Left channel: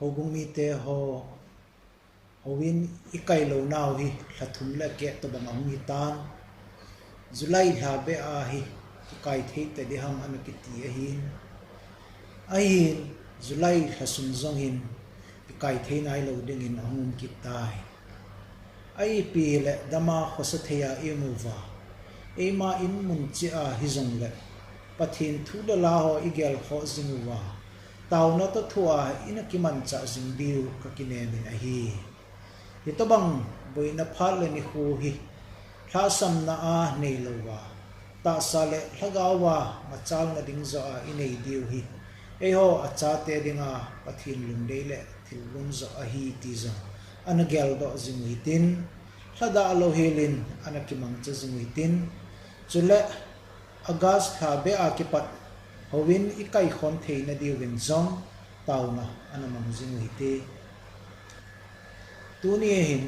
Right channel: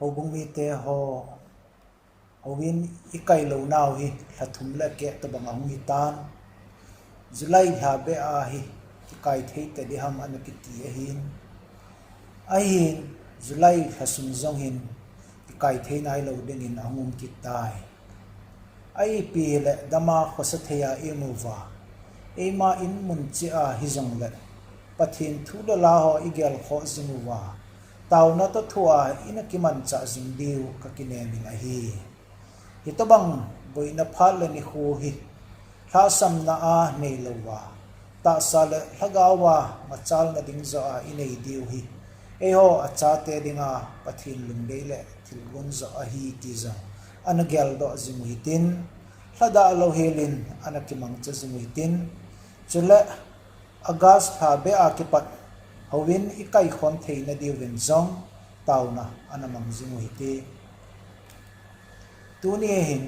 ho bung mi te ho win ikai lo naw hi thlathum la ke to bang ang mi tan July ha be a hi kai thei te di ham an ki ti a hin July hasum zong hin kai thei nai lo ding in angum ki tai ai pi le dama khosa theya emuwa ema in mun chi a hi zong le pathin thu la la ho igel kho zingwa taw na to thua ina ki man cha jing biu ka ki ne min a hi to bang boina phal le ni hu hi tha sam na a nei lo wa ta sa le hlagawa machal na ding zo a inei diu hi ho acha te dinga pathin lung dei le thil gun zo a hi ti za anagel do jing hi tin hlada lo helin anakimang cha jing hi tin chule August ha be a ki pat howin ikai khon theina diu rin zong tauna anamang jing hi te tuni hin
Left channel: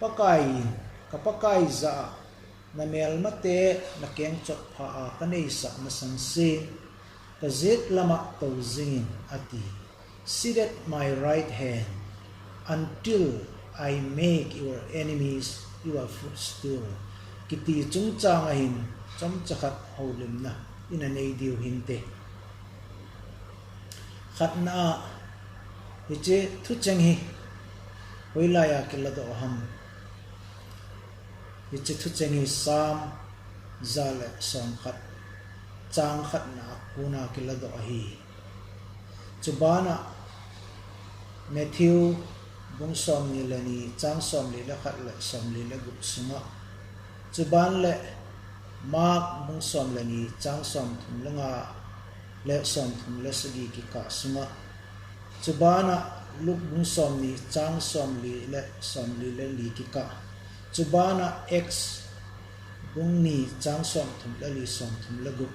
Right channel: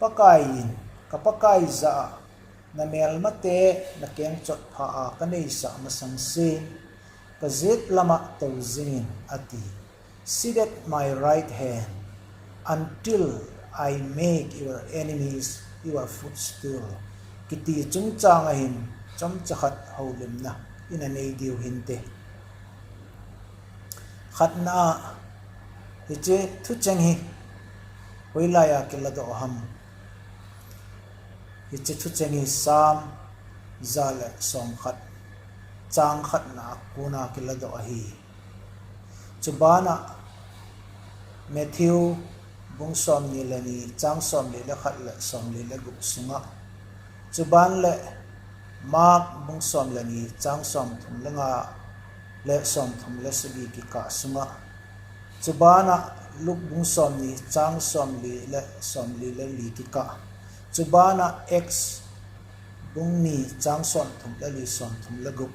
pakai kapakai za na mel mate na keng chot pha a kanei sa masang sin ka zit lama to zin ati sit at my right hand until I make your enemies your footstool kiti chung chang hin chom chakhat holim na ina nei diu hin te khatna hi che thu chang hi hoilaya kelado ham hi che thu chang hi sam zale som khat chang khat na kuna kelado hi chubana Matthew bung som ni lani chang som ni la khat la som ni la gu sunga chuban le Mark bung som lani chang som thum langa le som thum la sigi ki ka sunga chubana luk bung som ni chang som li le som li le li ki ka chubana x bung ni chang som thum la li som thum la gu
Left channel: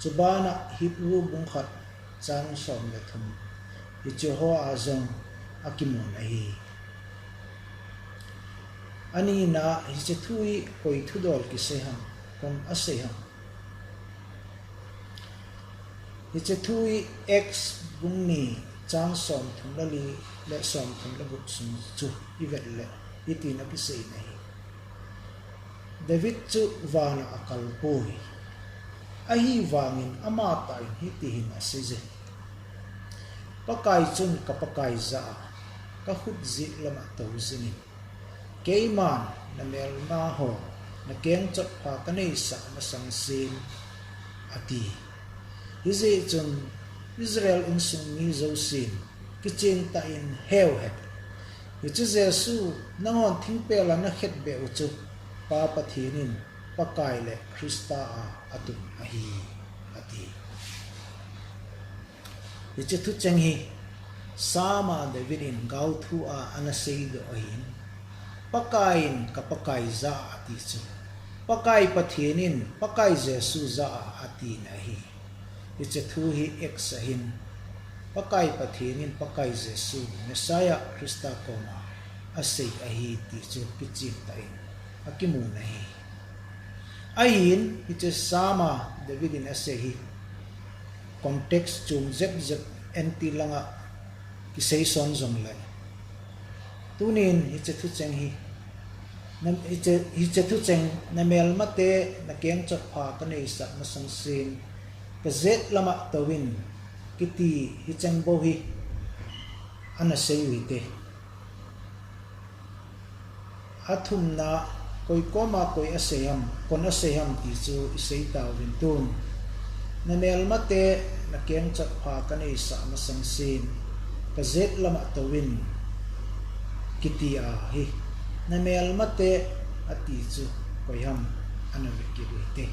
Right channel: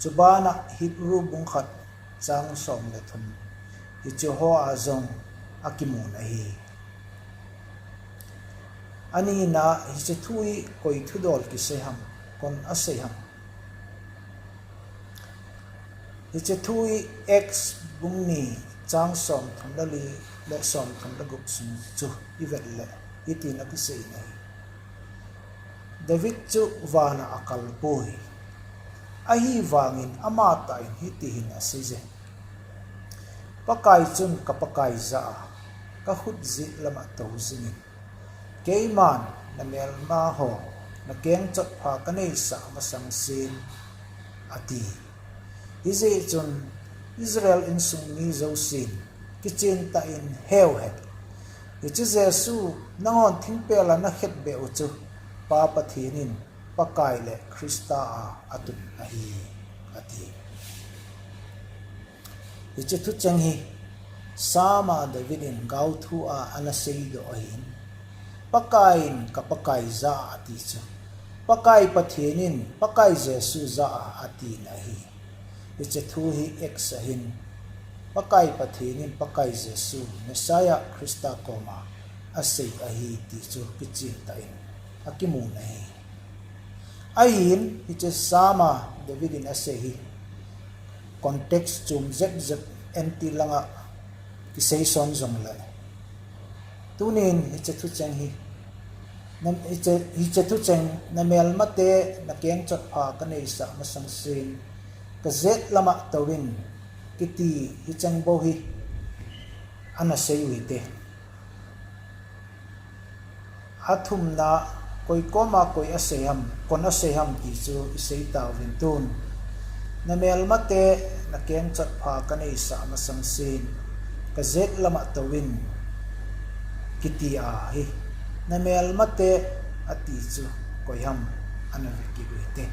chubana Hebrew bung khat chang som le thum hi chu ho azong akimun ahi ani na hi che thui koi thu dol ki se ham kon ase ham hi che thui x bung ni chang som thum la li le som thum la gu sum chu ivet le iti na ki se nei David chu wana akal poi ahi wangin amata in hiti hin asije pakai chun ka pakai za ka hut zi lama to zini keiman na mel ma ho na keng chot pha ka nei sa masang sin ati hize chun Israel in sung ni zo sin kichen ta in heu het chu Jesu nangon thingpe la na het be u chu pa pathinin pakai le Krista a atun ahi ati ichi thu chang hi sama David in gau thu a anasei do ahin pakain ka pakai za ati chu pakai pathinin pakai Jesu za ati nahi ichi thu hi exahin pakai pathinin pakai Jesu Messiah Krista koma asei ahi ti chu kichin ta in akimu nahi ahin ichi sama David in asehi context chung zep anti langa ki sei son zong la tunin hi che thu chang hi nam hi che thu chang na mel mate na keng chot pha ka nei sa masang sin ka zet lama tawin kiti hi chang bo hi ana sei wi te athum na koi koma koi aseham kon aseham ti chu sei taw rin tun na mel mate na keng chat pha ka nei sa masang sin ka zet lama tawin kiti a hi na mel mate ati chu koyam anaviki te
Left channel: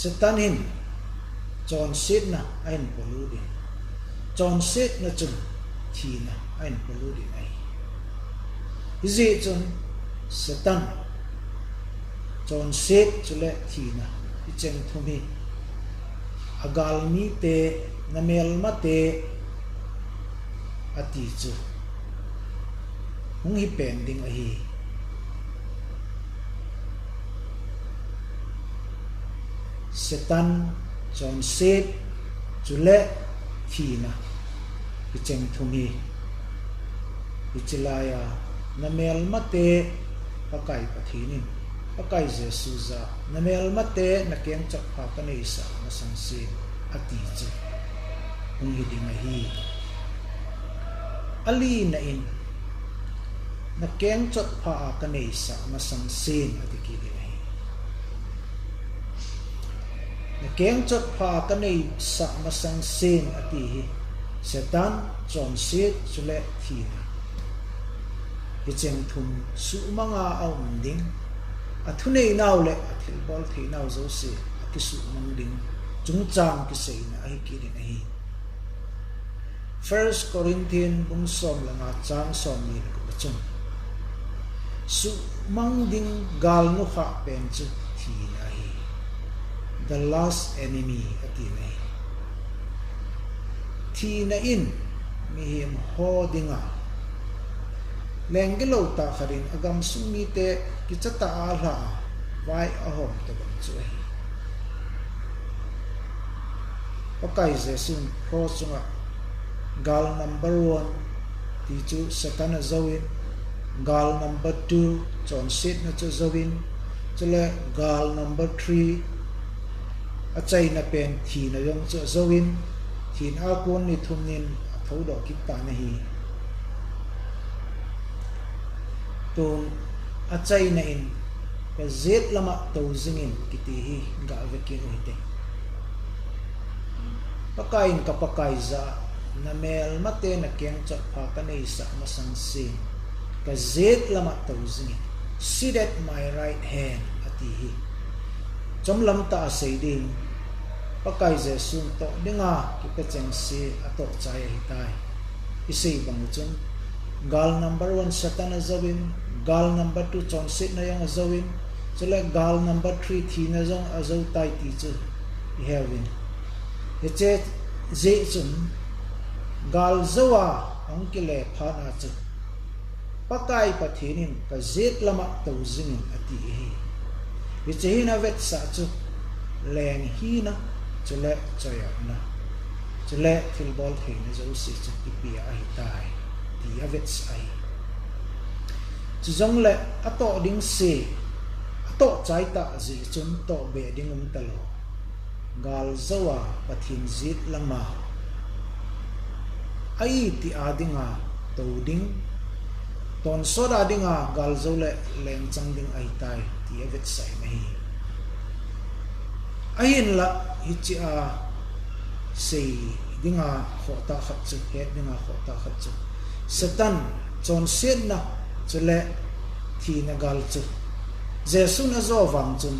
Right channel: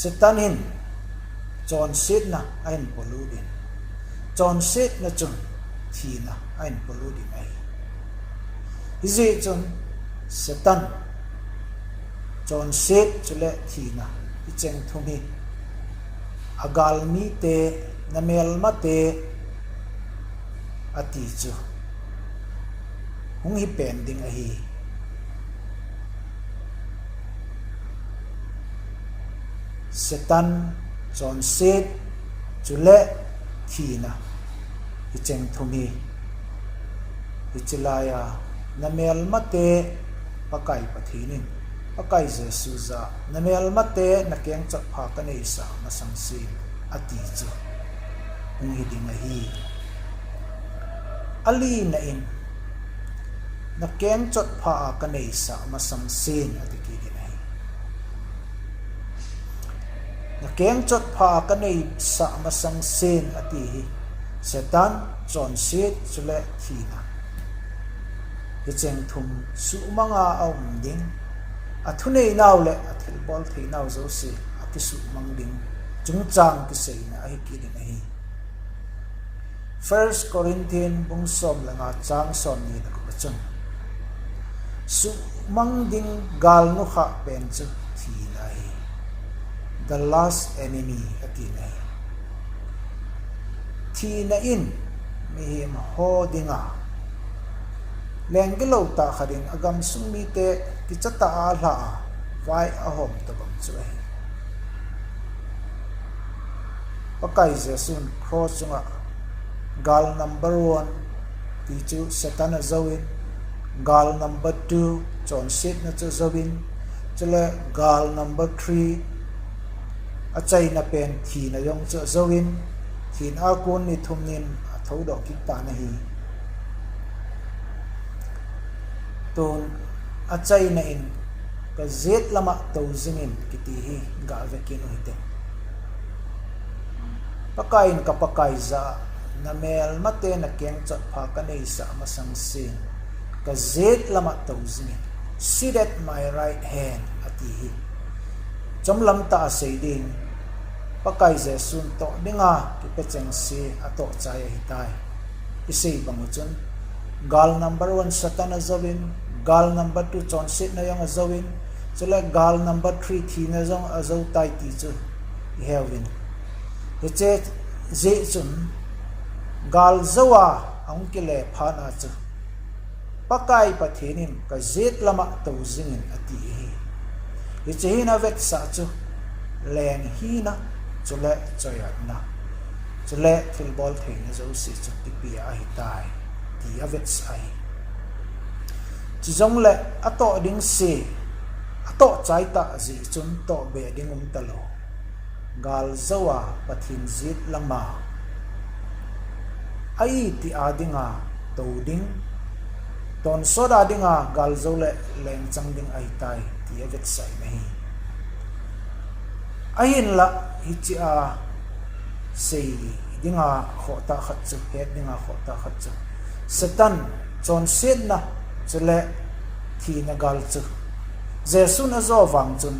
satanin John sit na ain poludin John sit na chun thina ain poludin ai izi chun satan John sit chule thina icheng thumi agal mi te namel mate ati chu hung hi pending a hi Satan John sit chule thi na hi cheng thumi hi chilaya namel mate pakai pathinin pakai Jesu za namel mate na keng chak pha ka nei sa masang si ati chu hi ding hi ali na in na keng chot pha ka nei sa masang sin ati ki din hi na keng chot pha ka nei sa masang sin ati hi setan chon sit chule thina hi cheng thum su manga aum ding athunei naw le athil bol thei naw zo se akisu mang ding chung chang ki sei na ai ki din hi 1 Corinthians bung som langa chang som ni na ko chung su mang ding gal nu kha pen chu thi na hi the last enemy ati na hi thi na in mi him ho dinga lengilo ta kharin agam sumi te ki chata a la vai a hom to bang chu hi pakai Jesun cross nga gal number 1 ti chu satan azawin gal number 2 chon sit na chu zawin chule gal number 3 achai na pen thi na yong chu zawin thin a kun ni thumnin thau do ki ta na hi ton achai na in ka zet lama to zingin kiti hi ga vekin uite pakain ka pakai za na mel mate na keng chot pha ka nei sa masang sin ka zet lama to zingin sit at my right hand ati hi chom lam ta sei din pakai Jesun to dinga ki pe cheng si ato chai hi tai isei bang chun gal number 1 satan azawin gal number 2 chon sit na yang azawin chula gal number 3 thi na jong azaw tai ti chu hewin eche je chun gal zawa ang kile pha na chu pakai pathinin ka zet lama to zingin ati hi eche hina vet sa chu leng hi na chule choya na chule filbol the ni zo si chu pi ai tai ti avet sai chu jong le ato ding se ato chai ta ji chun to be ding talo gal zawa pathin zit lama ai ti adinga to ding ton soda dinga gal zole leng chang ding ai tai ti avet sai mai ahin la hichi a sei dinga khota khat chu he dinga khota khat chu satan chon sen na chule thi na gal chu Jesu na zo wang chun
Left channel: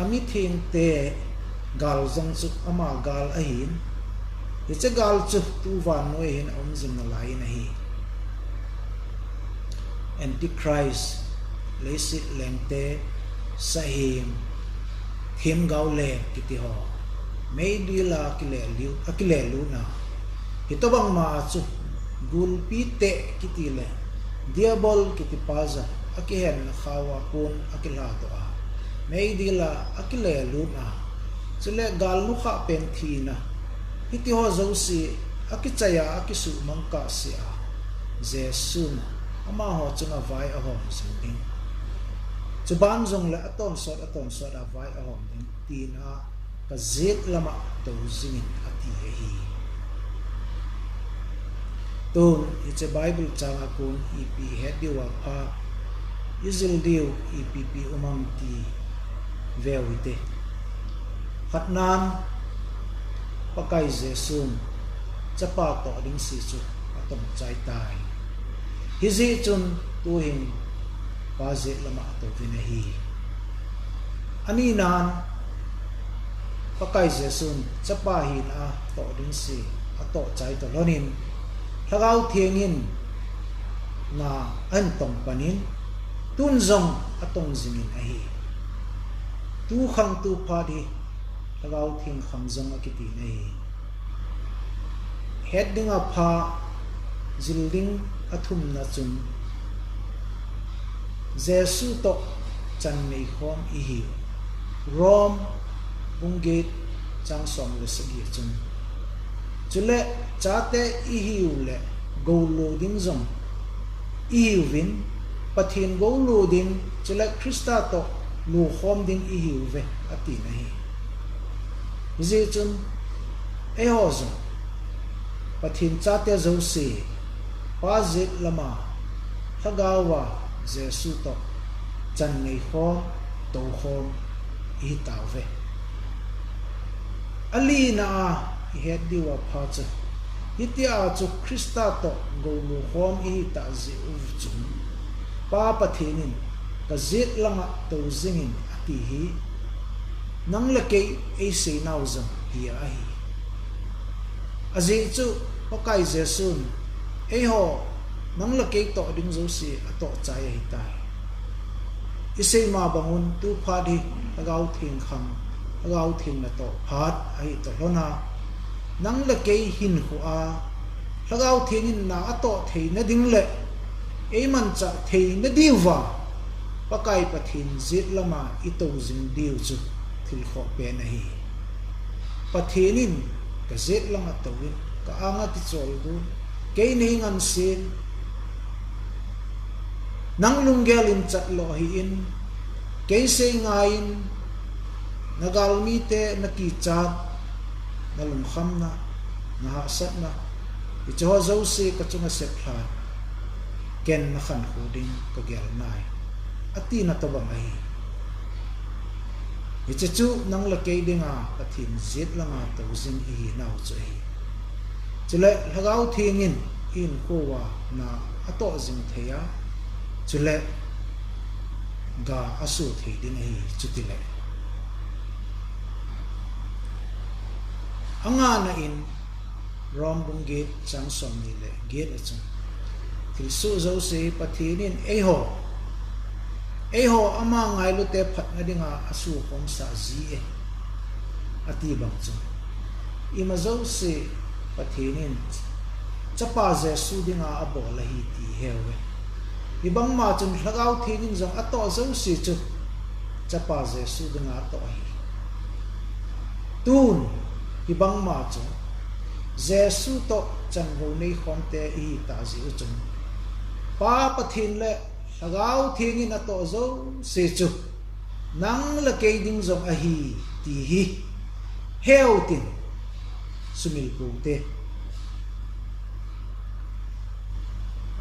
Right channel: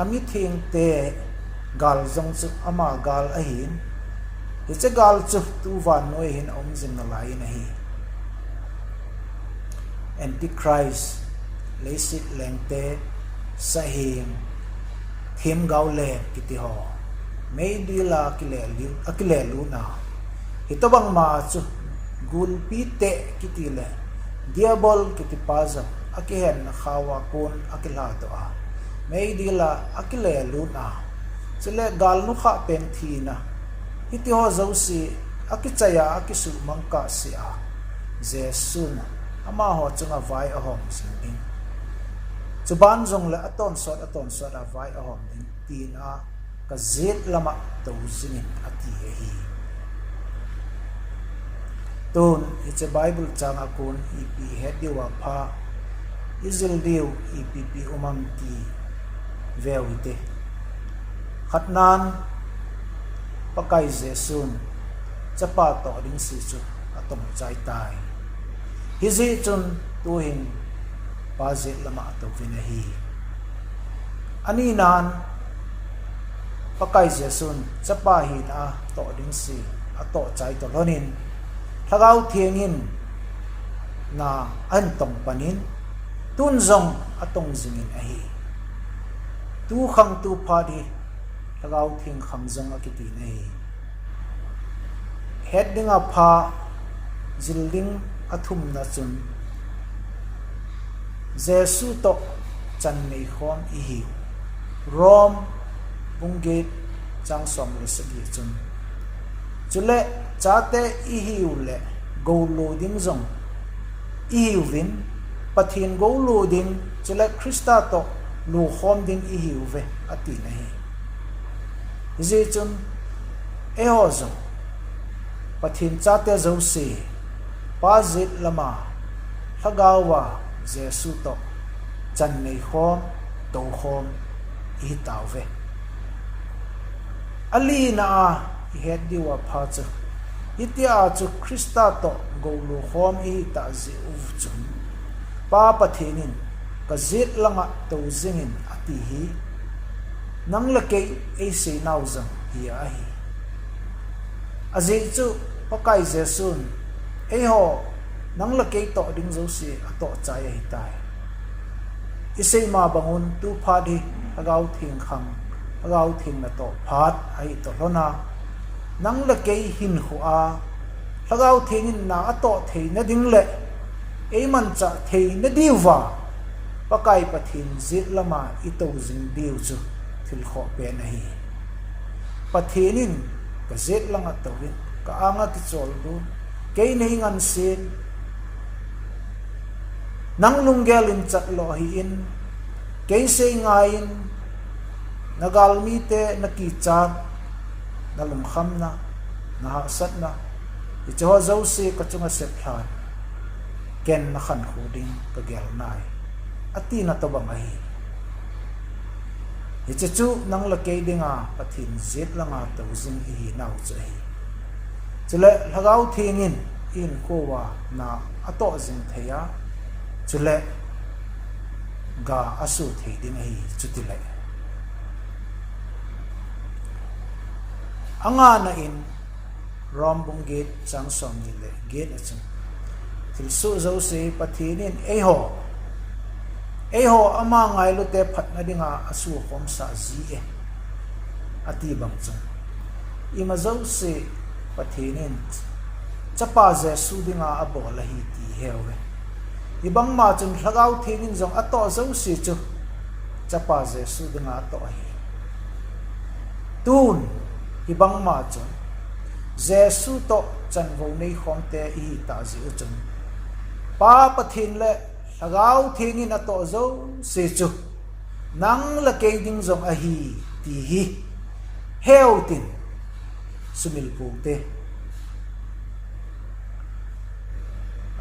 ami thing te gal zong chu ama gal ahin hiche gal chu tu van noi hin om jing na lai na hi antichrist leisi lengte sahim him gaule kiti ho mei di la akile lu na hitobang ma chu gul pi te kiti le diabol kiti paza akihen na khawa kun akila to a mei di la akile lu na chule gal nu kha pen thi na hiti ho zo si akichaya akisu mangka si a Jesun ama ho chunga vai a hom sing chuban zong la aton sot a vai a hom ding tin a ka zet lama to zingin ati hi ton it's a bible changa kun ep hediwa pha izil diu epp umang ti vewite khatnan pakai Jesun chapa to ding si chu atom chai tai hizi chun tu hin pazit lama to vinahi ani nan pakai Jesun chapa hin a to ding si ato chai to lonin thagau thiengin na an tong panin tun zong atong zingin ahi tu khang tu phadi thagau thieng khang zong akiti nei heading a pha zilding athum na chun Jesu to chan nei khom i hi rom bungate chang som le sagi chun chule chate I hiu le go lu ding zong I hiu vin pathin go lu ding chule Krista to lu khom ding I hiu ve ati na hi ji chun e ho zong pathin chate zo se pa zit lama thagawa Jesu to chan nei khom to khom I tau ve ali na he diwa pha chu hitia chu Krista to go lu khom I ta zi uv chun pa pathinin ka zit langa to zingin ati hi nang la ke e se nau zang hi a hi azi chu pakai Jesun e ho nang la ke to ding zo si ato chai hi tai isei ma bangun tu pha di agau thing khang agau thing na to phat ai to lona nang la ke hin hu a agau thingin na ato thei na ding le e man cha thei na diwa pakai pathin zit lama I to jing diu chu thil kho pe na hi pathinin ka zet langa tawin ka anga ki chol du ke nei ngan sin nang lunggelin chat lo hi in ke se ngain nagal mi te naki chat na lung kham na na sat na I cho zo se ka chunga se phlan ken na khan khu ding ka gel nai ati na to bang ai I chu nang la ke dinga pathin zit langa to jing hi nau chu hi chule lagau thingin in kowa na ato jing theya chule ga asu thei ding hi chutile anga na in rombung gate chang som ni le gate achu thil su zo se pathinin e ho ama ngai lu te phat na dinga asu khom sa ji e ati bang chu I ma zo se pathinin chapa Jesu dinga abo la hi ti hewe ibang ma chun lagau thingin zong ato zo si chu chapa Jesu dinga to hi tun ibang ma chu Jesu to chan vo nei khom te I ta ji u chun pa pathin le lagau thingin ato zo si chu nang la ke ding zong a hi ti hi heu tin sumil pu te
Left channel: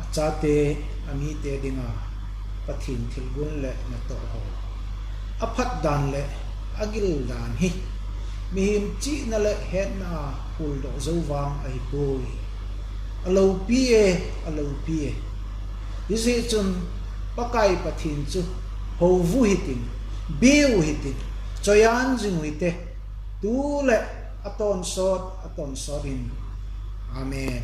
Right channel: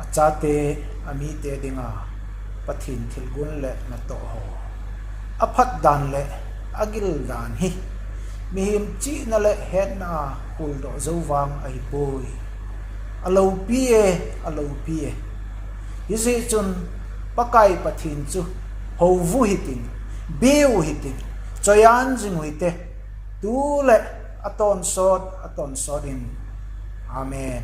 achate ami te dinga pathin thilgun le na to ho aphat dan le agil dan hi mihim chi na le het na hul do zowang ai pui alo pie isi chun pakai pathin chu ho vu hitin biu hitin choyan jing huite tu le aton sod in amen